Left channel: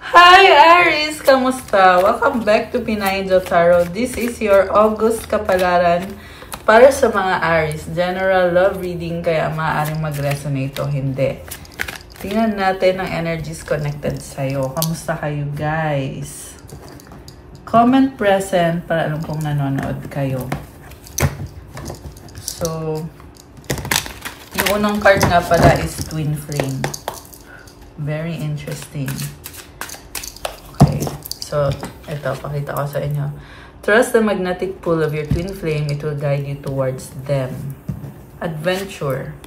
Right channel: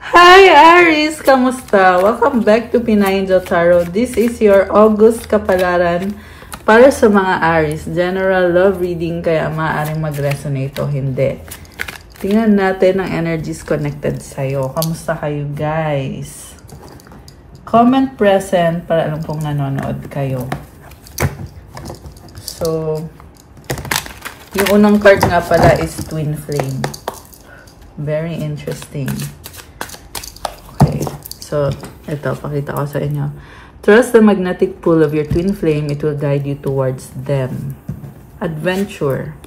Hi Aries! Kamusta? Welcome back to Pinay Angel Tarot. This is your August kapalaran para sa mga Aries. General love reading, kaya maaaring mag-resonate o hindi. Tingnan natin ang energies connected sa'yo. Kamusta kayo guys? Comment present para alam kong nanonood kayo. So, yung unang card nga pala is Twin Flame. Very interesting. So, ito, pakita ko sa inyo. Trust the magnetic pull of your twin flame. It will guide you towards them. Adventure.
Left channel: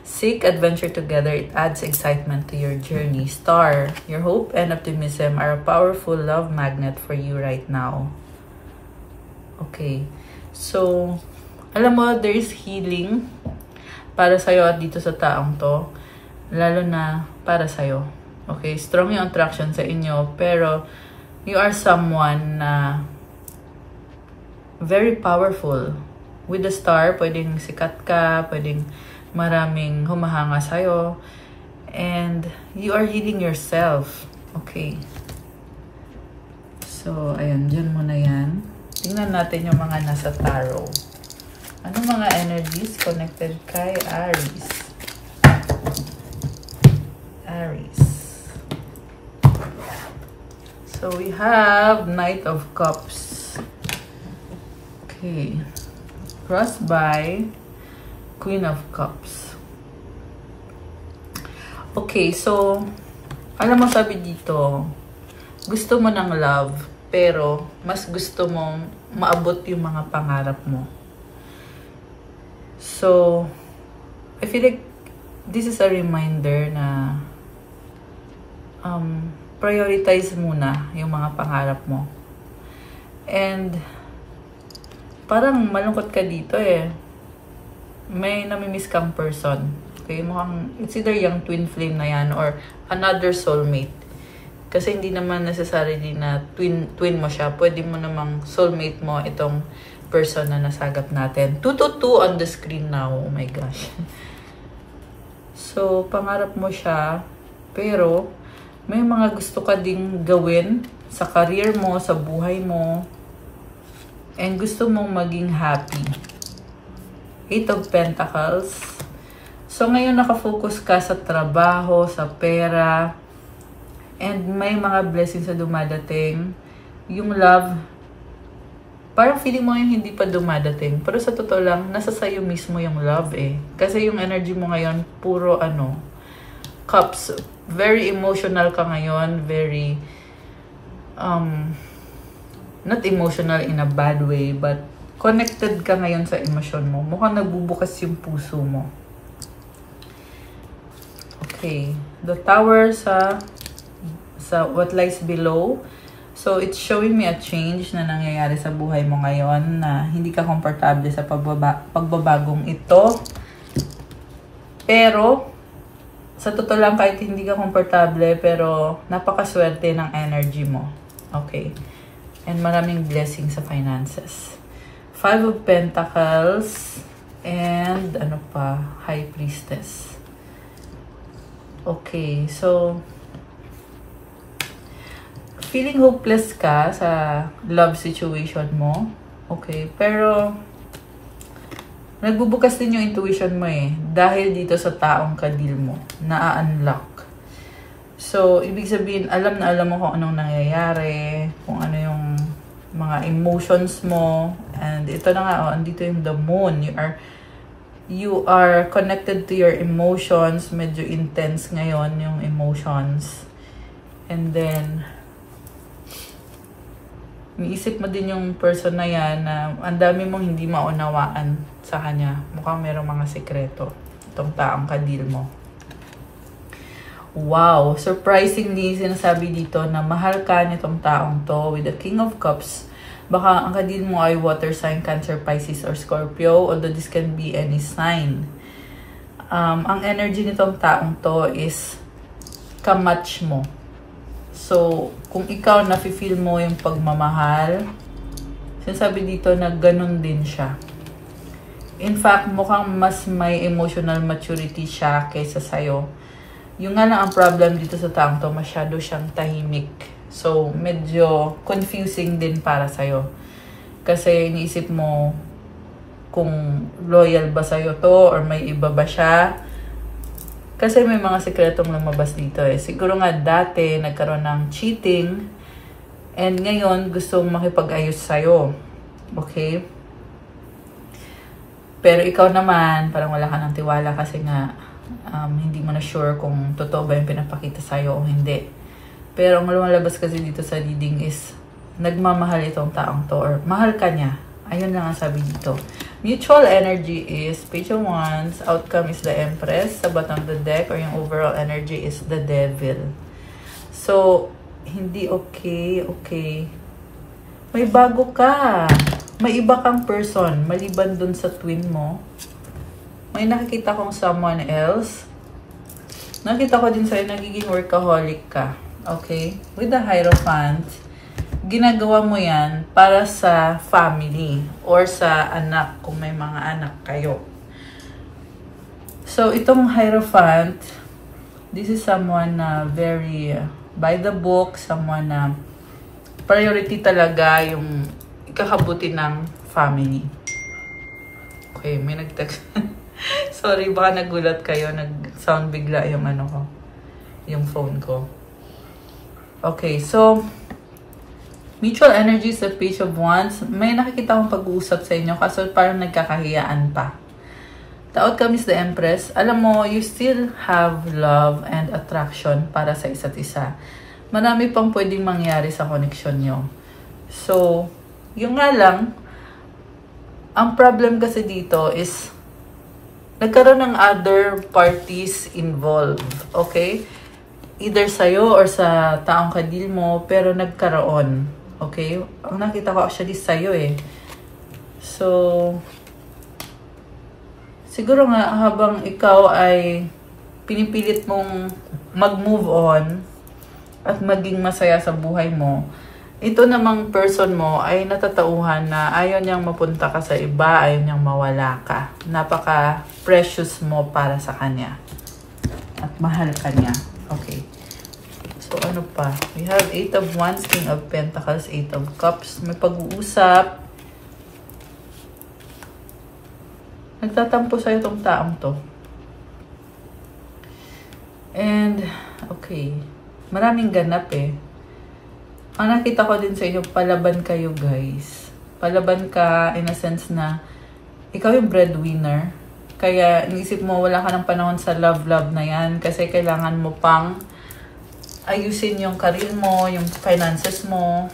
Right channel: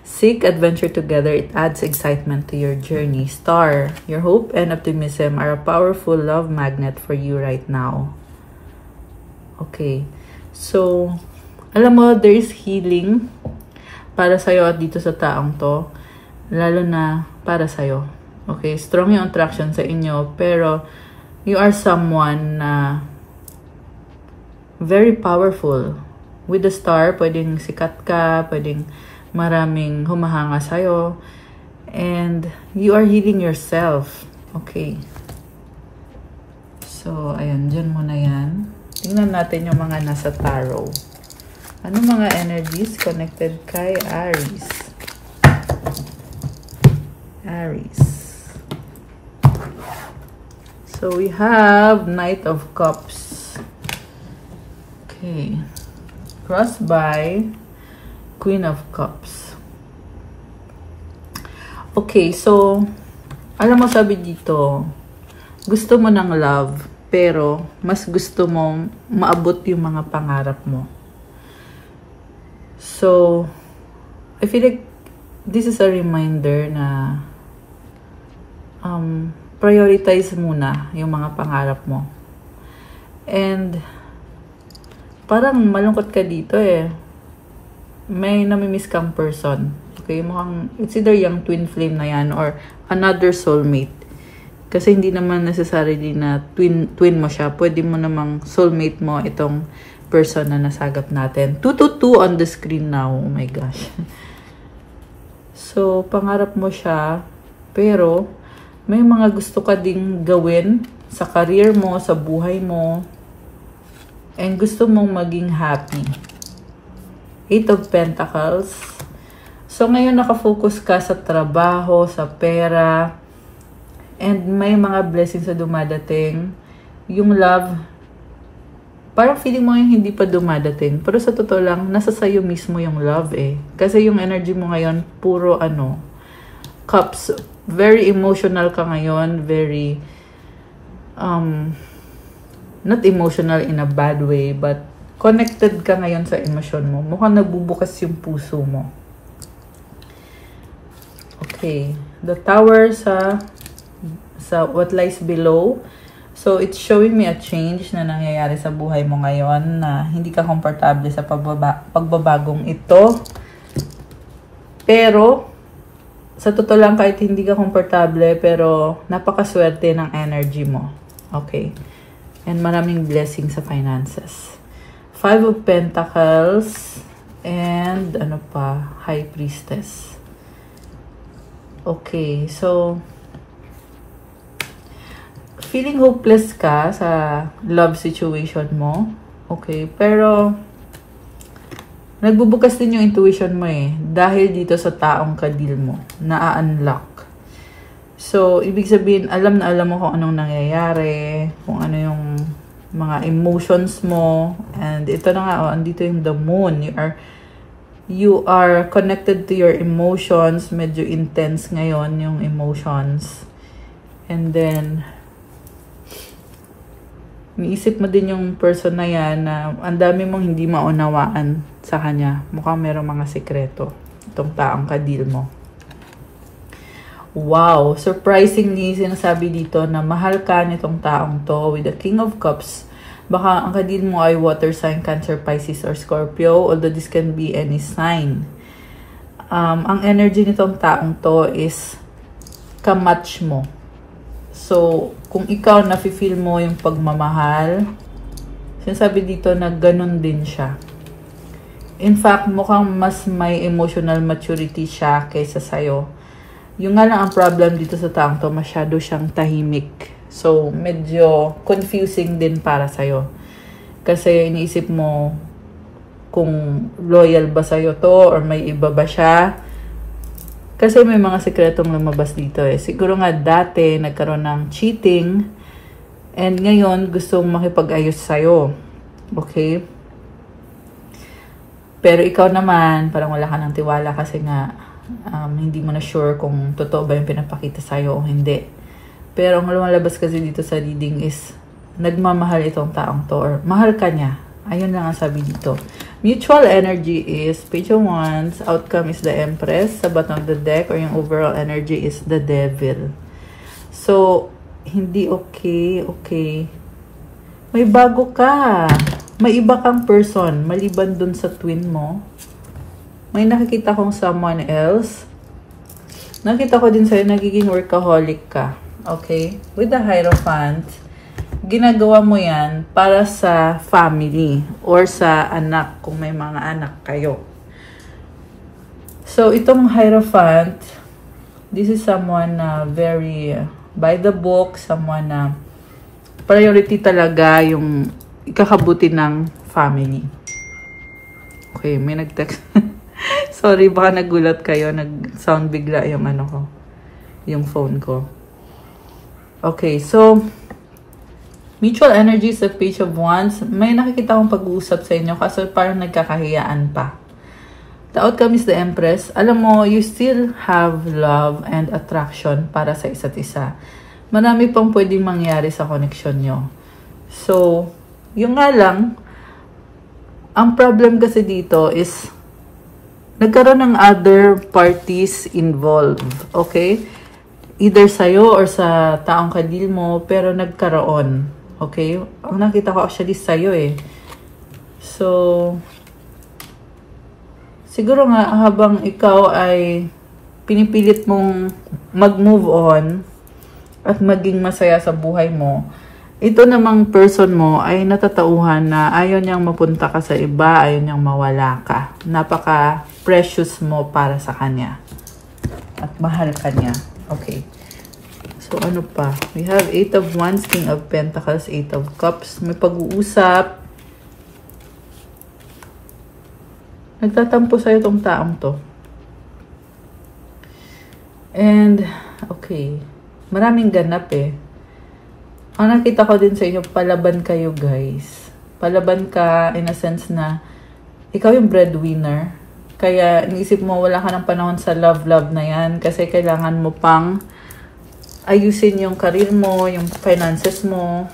Seek adventure together. It adds excitement to your journey. Star. Your hope and optimism are a powerful love magnet for you right now. Okay. So, alam mo, there is healing para sa'yo at dito sa taong to. Lalo na para sa'yo. Okay? Strong yung attraction sa inyo. Pero, you are someone na very powerful. With the star, pwedeng sikat ka, pwedeng maraming humahanga sa'yo. And you are healing yourself. Okay. So, ayan, dyan muna yan. Tingnan natin yung mga nasa tarot. Anong mga energies connected kay Aries? Aries. So we have Knight of Cups. Okay. Crossed by Queen of Cups. Okay, so alam mo sabi dito, gusto mo ng love, pero mas gusto mong maabot yung mga pangarap mo. So, I feel like this is a reminder na prioritize muna yung mga pangarap mo. And parang malungkot ka dito eh. May namimiss kang person. Okay, mukhang it's either yung twin flame na yan or another soulmate. Kasi hindi naman necessarily na twin mo siya. Pwede mo namang soulmate mo itong person na nasagap natin. 222 on the screen now. Oh my gosh. So, pangarap mo siya, pero may mga gusto ka ding gawin sa career mo, sa buhay mo, and gusto mong maging happy. 8 of Pentacles. So, ngayon nakafocus ka sa trabaho, sa pera, and may mga blessings na dumadating. Yung love, parang feeling mo ngayon hindi pa dumadating. Pero sa totoo lang, nasa sayo mismo yung love eh. Kasi yung energy mo ngayon, puro cups. Very emotional ka ngayon. Very, not emotional in a bad way, but connected ka ngayon sa emosyon mo. Mukhang nagbubukas yung puso mo. Okay. The tower sa what lies below. So, it's showing me a change na nangyayari sa buhay mo ngayon na hindi ka komportable sa pagbabagong ito. Pero, sa totoo lang kahit hindi ka komportable, pero napakaswerte ng energy mo. Okay. And maraming blessings sa finances. 5 of Pentacles and High Priestess. Okay. So, feeling hopeless ka sa love situation mo. Okay. Pero, nagbubukas din yung intuition mo eh. Dahil dito sa taong kadil mo. Na-unlock. So, ibig sabihin, alam na alam mo kung anong nangyayari. Kung ano yung mga emotions mo. And ito na nga, andito yung the moon. You are connected to your emotions. Medyo intense ngayon yung emotions. And then, niisip mo din yung person na yan na ang dami mong hindi maunawaan sa kanya. Mukhang merong mga sekreto. Itong taong kadil mo. Wow! Surprisingly, sinasabi dito na mahal ka nitong taong to with the King of Cups. Baka ang kadil mo ay water sign, Cancer, Pisces, or Scorpio. Although this can be any sign. Ang energy nitong taong to is kamatch mo. So, kung ikaw nafe-feel mo yung pagmamahal, sinasabi dito na ganun din siya. In fact, mukhang mas may emotional maturity siya kaysa sa'yo. Yung nga lang ang problem dito sa taong to, masyado siyang tahimik. So, medyo confusing din para sa'yo. Kasi iniisip mo kung loyal ba sa'yo to or may iba ba siya. Kasi may mga sekretong lumabas dito eh. Siguro nga dati nagkaroon ng cheating and ngayon gusto makipag-ayos sa'yo. Okay? Pero ikaw naman, parang wala ka ng tiwala kasi nga hindi mo na sure kung totoo ba yung pinapakita sa'yo o hindi. Pero ang lumalabas kasi dito sa reading is nagmamahal itong taong to or mahal ka niya. Ayun na nga sabi dito. Mutual energy is Page of Wands, outcome is the Empress, sa bottom of the deck or yung overall energy is the Devil. So, hindi okay. May bago ka. May iba kang person maliban dun sa twin mo. May nakikita kong someone else. Nakita ko din sa'yo, nagiging workaholic ka. Okay? With the Hierophant, ginagawa mo yan para sa family or sa anak, kung may mga anak kayo. So, itong Hierophant, this is someone na very by the book, someone na priority talaga yung ikakabuti ng family. Okay, may nag-text. Sorry, baka nagulat kayo. Nag-sound bigla yung ano ko. Yung phone ko. Okay, so mutual energy sa Page of Wands. May nakikita akong pag-uusap sa inyo kasi parang nagkakahiyaan pa. The outcome is the Empress. Alam mo, you still have love and attraction para sa isa't isa. Marami pang pwedeng mangyari sa connection nyo. So, yung nga lang, ang problem kasi dito is nagkaroon ng other parties involved. Okay? Either sa'yo or sa taong kadil mo, pero nagkaroon. Okay? Ang nakita ko actually sa'yo eh. So, siguro nga habang ikaw ay pinipilit mong mag-move on at maging masaya sa buhay mo, ito namang person mo ay natatauhan na ayaw niyang mapunta ka sa iba, ayaw niyang mawala ka. Napaka-precious mo para sa kanya. At mahal ka niya. Okay. So, ano pa? We have 8 of Wands, King of Pentacles, 8 of Cups. May pag-uusap. Nagtatampo sa'yo itong taong to. And, okay. Maraming ganap eh. Ang nakita ko din sa inyo, palaban kayo guys. Palaban ka in a sense na ikaw yung breadwinner. Kaya naisip mo wala ka ng panahon sa love na yan kasi kailangan mo pang ayusin yung career mo, yung finances mo.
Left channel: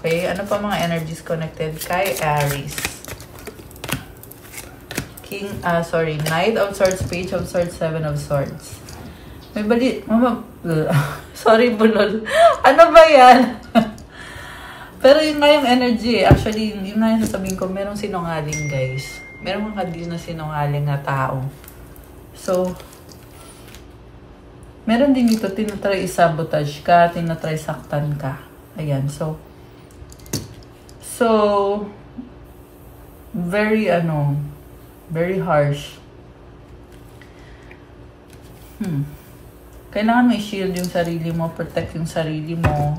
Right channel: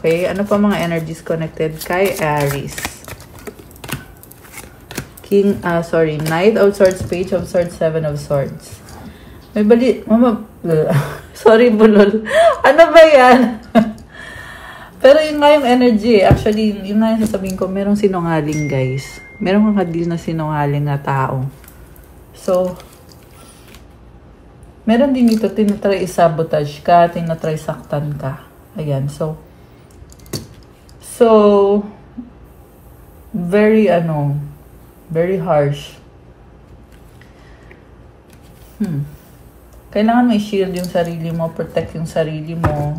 Okay? Ano pa mga energies connected kay Aries? Knight of Swords, Page of Swords, Seven of Swords. May sorry, bulol. Ano ba yan? Pero yun nga yung energy. Actually, yun nga yung sasabihin ko, merong sinungaling, guys. Merong kakadil na sinungaling na tao. So, meron din ito, tinatry sabotage ka, tinatry saktan ka. Ayan, so, very, very harsh. Kailangan mo i-shield yung sarili mo, protect yung sarili mo.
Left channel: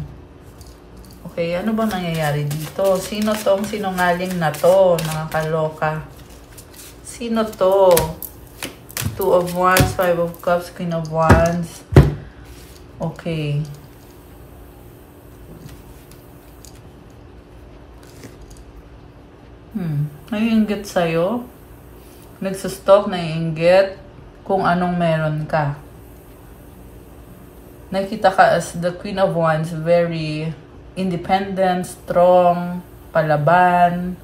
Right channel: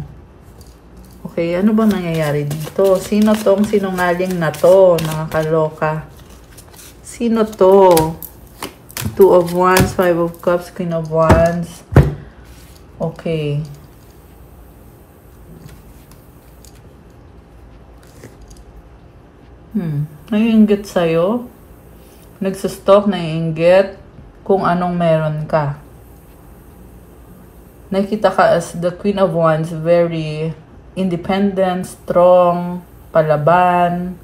Okay, ano ba nangyayari dito? Sino tong sinungaling na to, mga kaloka? Sino to? 2 of Wands, 5 of Cups, Queen of Wands. Okay. Naiinggit sa'yo. Nagsustalk, naiinggit kung anong meron ka. Nakita ka as the Queen of Wands, very independent, strong, palaban.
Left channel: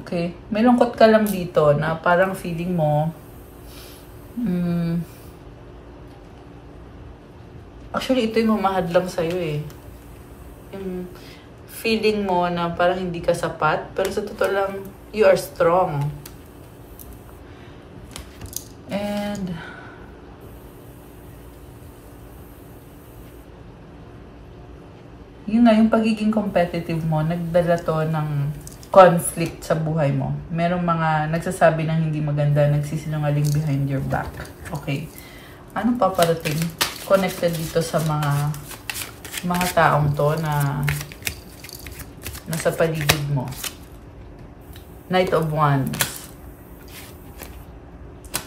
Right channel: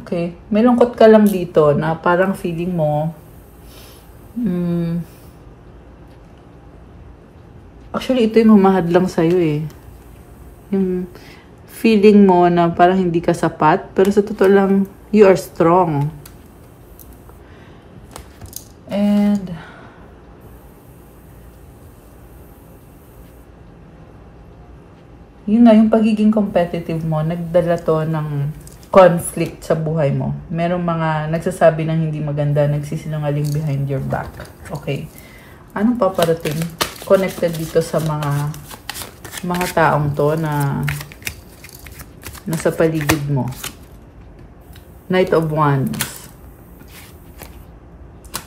Okay. May lungkot ka lang dito na parang feeling mo, actually, ito yung humahadlang sa'yo eh. Yung feeling mo na parang hindi ka sapat, pero sa totoo lang, you are strong. And yun nga, yung pagiging competitive mo, nagdala to ng conflict sa buhay mo. Merong mga nagsasabi ng hindi maganda, nagsisinungaling behind your back. Okay. Anong paparating? Connected dito sa mga taong to na nasa paligid mo. Knight of Wands.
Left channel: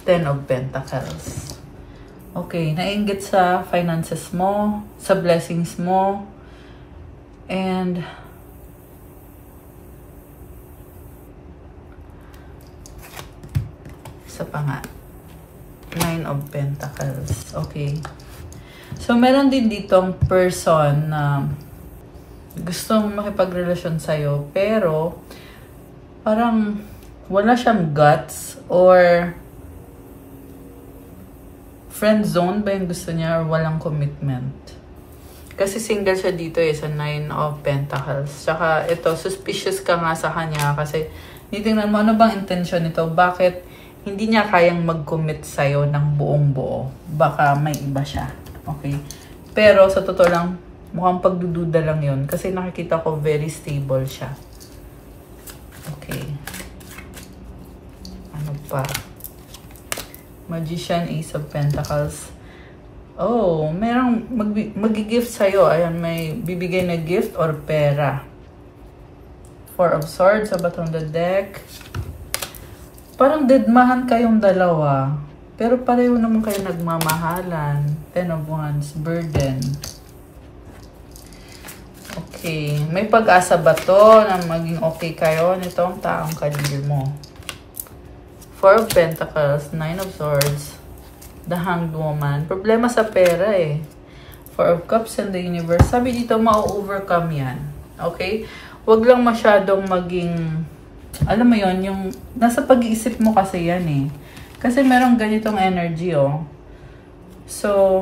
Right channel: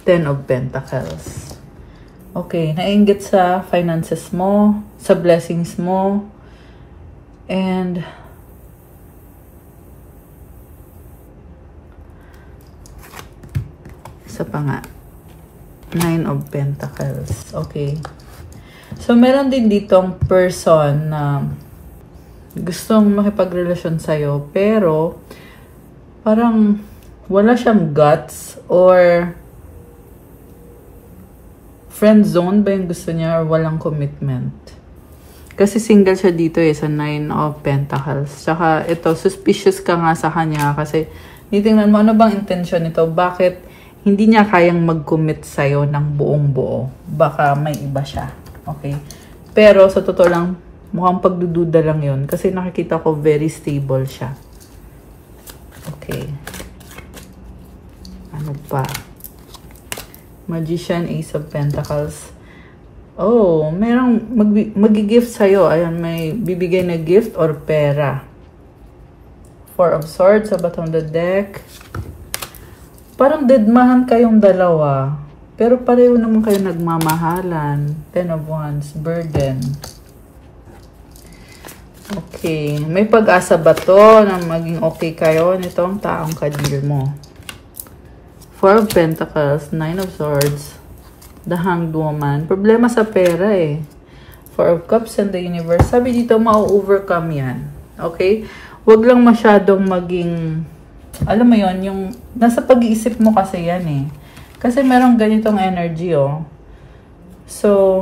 Ten of Pentacles. Okay, nainggit sa finances mo, sa blessings mo, and isa pa nga. Nine of Pentacles. Okay. So, meron din ditong person na gustong makipagrelasyon sa'yo, pero parang wala siyang guts or friend zone ba yung gusto niya or walang commitment. Kasi single siya dito sa Nine of Pentacles. Saka ito, suspicious ka nga sa kanya kasi titingnan mo ano bang intention nito. Bakit hindi niya kayang mag-commit sa'yo ng buong buo. Baka may iba siya. Okay? Pero sa totoo lang, mukhang pagdududa lang yon kasi nakikita ko very stable siya. Okay. Ano pa? Magician, Ace of Pentacles. Oh, merong mag-gift sa'yo. Ayan, may bibigay na gift or pera. Four of Swords, sa bottom of the deck. Parang deadmahan kayong dalawa. Pero pareho naman kayo nagmamahalan. Ten of Wands, burden. Okay. May pag-asa ba to na maging okay kayo nitong taong kadil mo? Four of Pentacles, Nine of Swords, the Hanged Woman. Problema sa pera eh. Four of Cups and the Universe. Sabi dito, ma-overcome yan. Okay? Huwag lang masyadong maging... Alam mo yon yung nasa pag-iisip mo kasi yan eh. Kasi merong ganitong energy oh. So,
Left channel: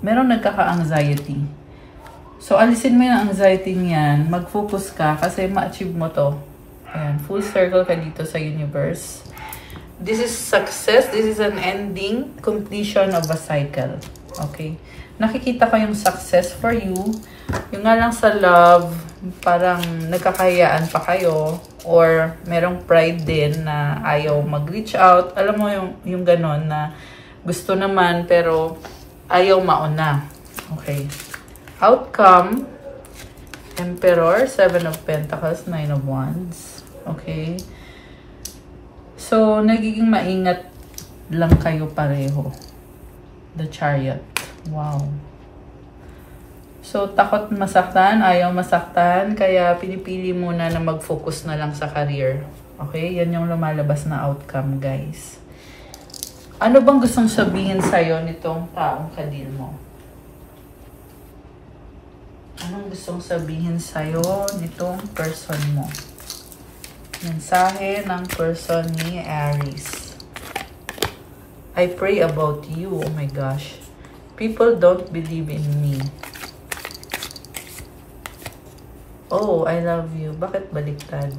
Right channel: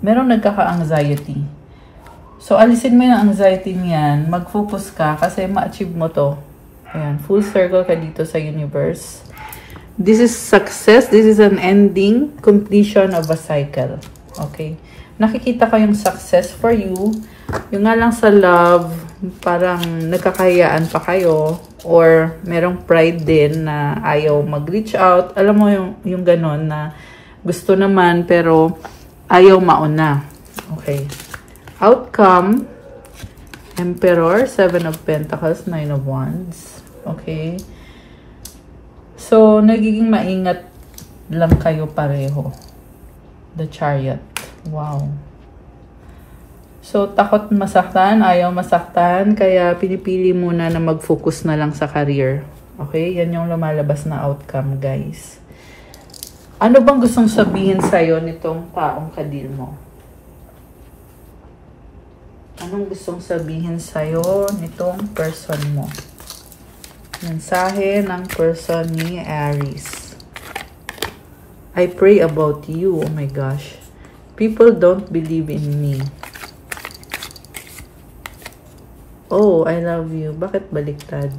merong nagkaka-anxiety. So, alisin mo yung anxiety niyan. Mag-focus ka kasi ma-achieve mo to. Ayan, full circle ka dito sa universe. This is success. This is an ending, completion of a cycle. Okay? Nakikita ko yung success for you. Yung nga lang sa love, parang nagkakahiyaan pa kayo or merong pride din na ayaw mag-reach out. Alam mo yung ganon na gusto naman pero ayaw mauna. Okay. Outcome, Emperor, Seven of Pentacles, Nine of Wands. Okay. So, nagiging maingat lang kayo pareho. The Chariot. Wow. So, takot masaktan, ayaw masaktan, kaya pinipili muna na mag-focus na lang sa career. Okay? Yan yung lumalabas na outcome, guys. Ano bang gustong sabihin sa'yo nitong taong kadil mo? Anong gustong sabihin sa'yo nitong person mo? Mensahe ng person ni Aries. I pray about you. Oh my gosh. People don't believe in me. Oh, I love you. Bakit baliktad?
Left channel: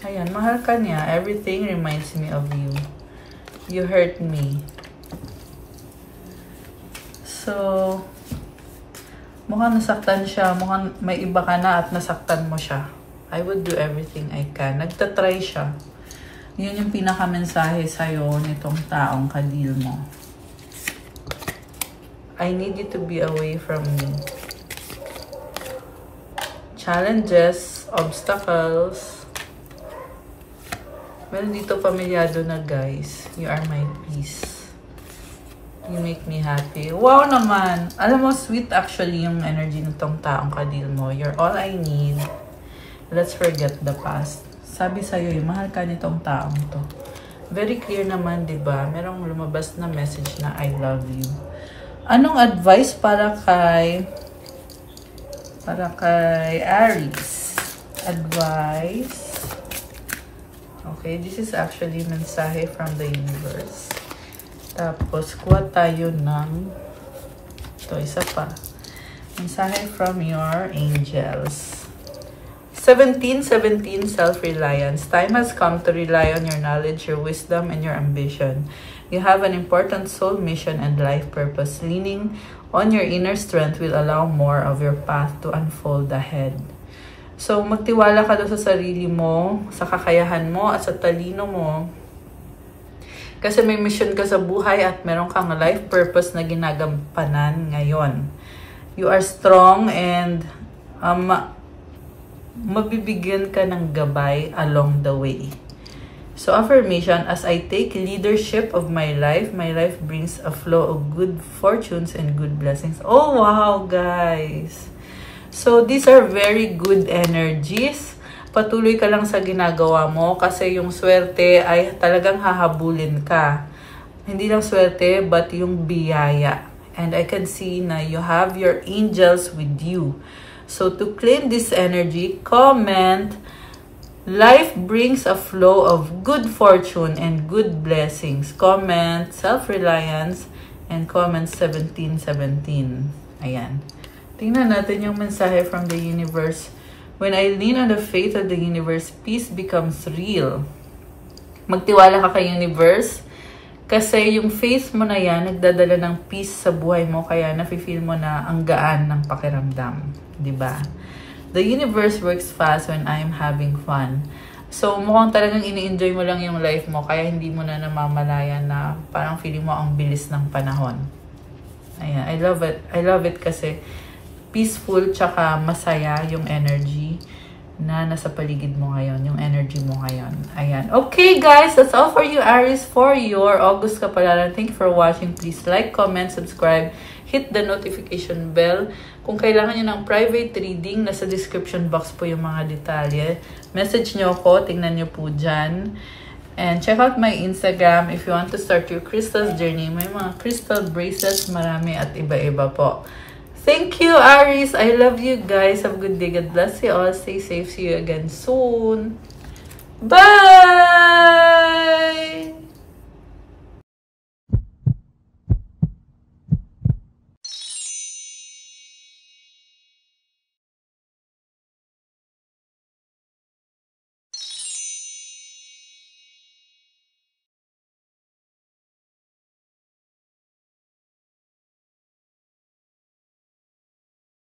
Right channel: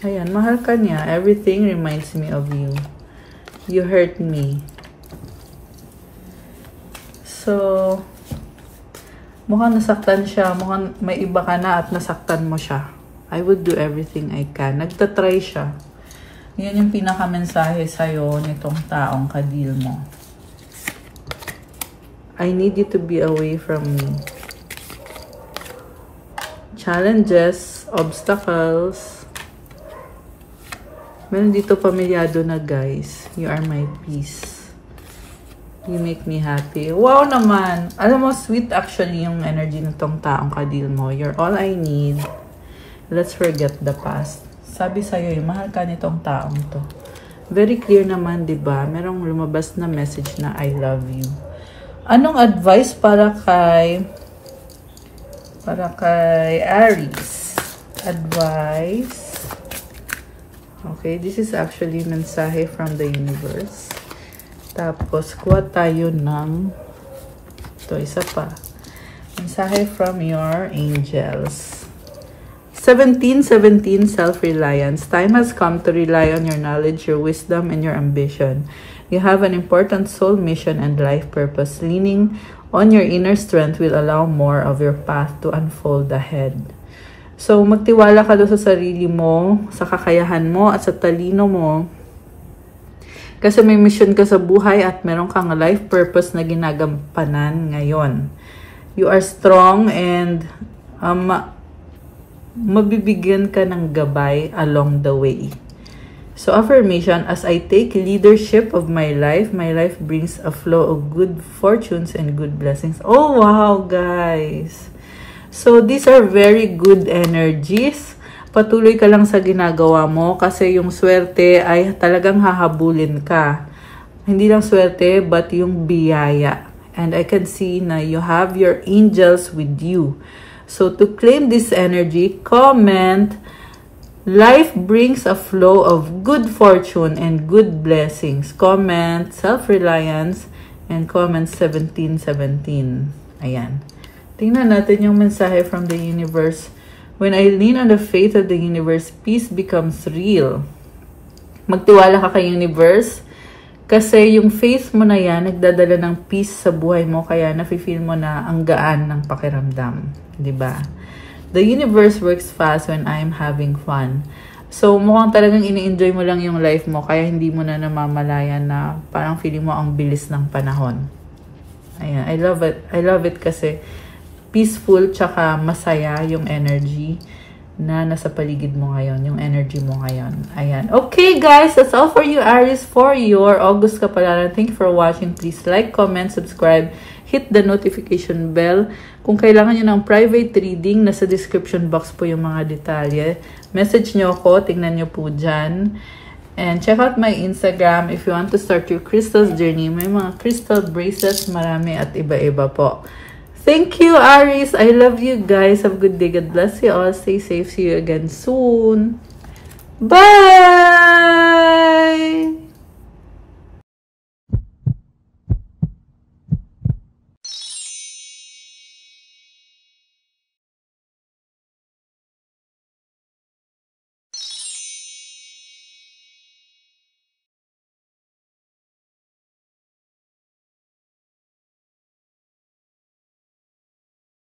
Ayan, mahal ka niya. Everything reminds me of you. You hurt me. So, mukhang nasaktan siya. Mukhang may iba ka na at nasaktan mo siya. I would do everything I can. Nagtatry siya. Yun yung pinakamensahe sa'yo nitong taong kadil mo. I need you to be away from me. Challenges, obstacles. Meron dito pamilyado na guys. You are my peace. You make me happy. Wow naman! Alam mo, sweet actually yung energy nitong taong kadil mo. You're all I need. Let's forget the past. Sabi sa'yo, mahal ka nitong taong to. Very clear naman, diba? Merong lumabas na message na I love you. Anong advice para kay Aries? Advice. Okay, this is actually mensahe from the universe. Tapos, kuha tayo ng ito, isa pa. Mensahe from your angels. 1717 self-reliance. Time has come to rely on your knowledge, your wisdom, and your ambition. You have an important soul mission and life purpose. Leaning on your inner strength will allow more of your path to unfold ahead. So, magtiwala ka doon sa sarili mo, sa kakayahan mo, at sa talino mo. Kasi may mission ka sa buhay at meron kang life purpose na ginagampanan ngayon. You are strong and mabibigyan ka ng gabay along the way. So, affirmation, as I take leadership of my life brings a flow of good fortunes and good blessings. Oh, wow, guys! So, these are very good energies. Patuloy ka lang sa ginagawa mo kasi yung swerte ay talagang hahabulin ka. Hindi lang swerte, but yung biyaya. And I can see na you have your angels with you. So, to claim this energy, comment, life brings a flow of good fortune and good blessings. Comment self-reliance and comment 1717. Ayan. Tingnan natin yung mensahe from the universe. When I lean on the faith of the universe, peace becomes real. Magtiwala ka kay universe kasi yung faith mo na yan, nagdadala ng peace sa buhay mo kaya nafe-feel mo na ang gaan ng pakiramdam. Diba? The universe works fast when I'm having fun. So, mukhang talagang ini-enjoy mo lang yung life mo kaya hindi mo na namamalayan na parang feeling mo ang bilis ng panahon. Ayan, I love it. I love it kasi peaceful tsaka masaya yung energy na nasa paligid mo ngayon, yung energy mo ngayon. Ayan. Okay, guys, that's all for you, Aries, for your August Kapalaran. Thank you for watching. Please like, comment, subscribe, hit the notification bell. Kung kailangan nyo ng private reading, nasa description box po yung mga detalye. Message nyo ako, tingnan nyo po dyan. And check out my Instagram if you want to start your crystals journey. May mga crystal bracelets, marami at iba-iba po. Thank you, Aries. I love you guys. Have a good day. God bless you all. Stay safe. See you again soon. Bye!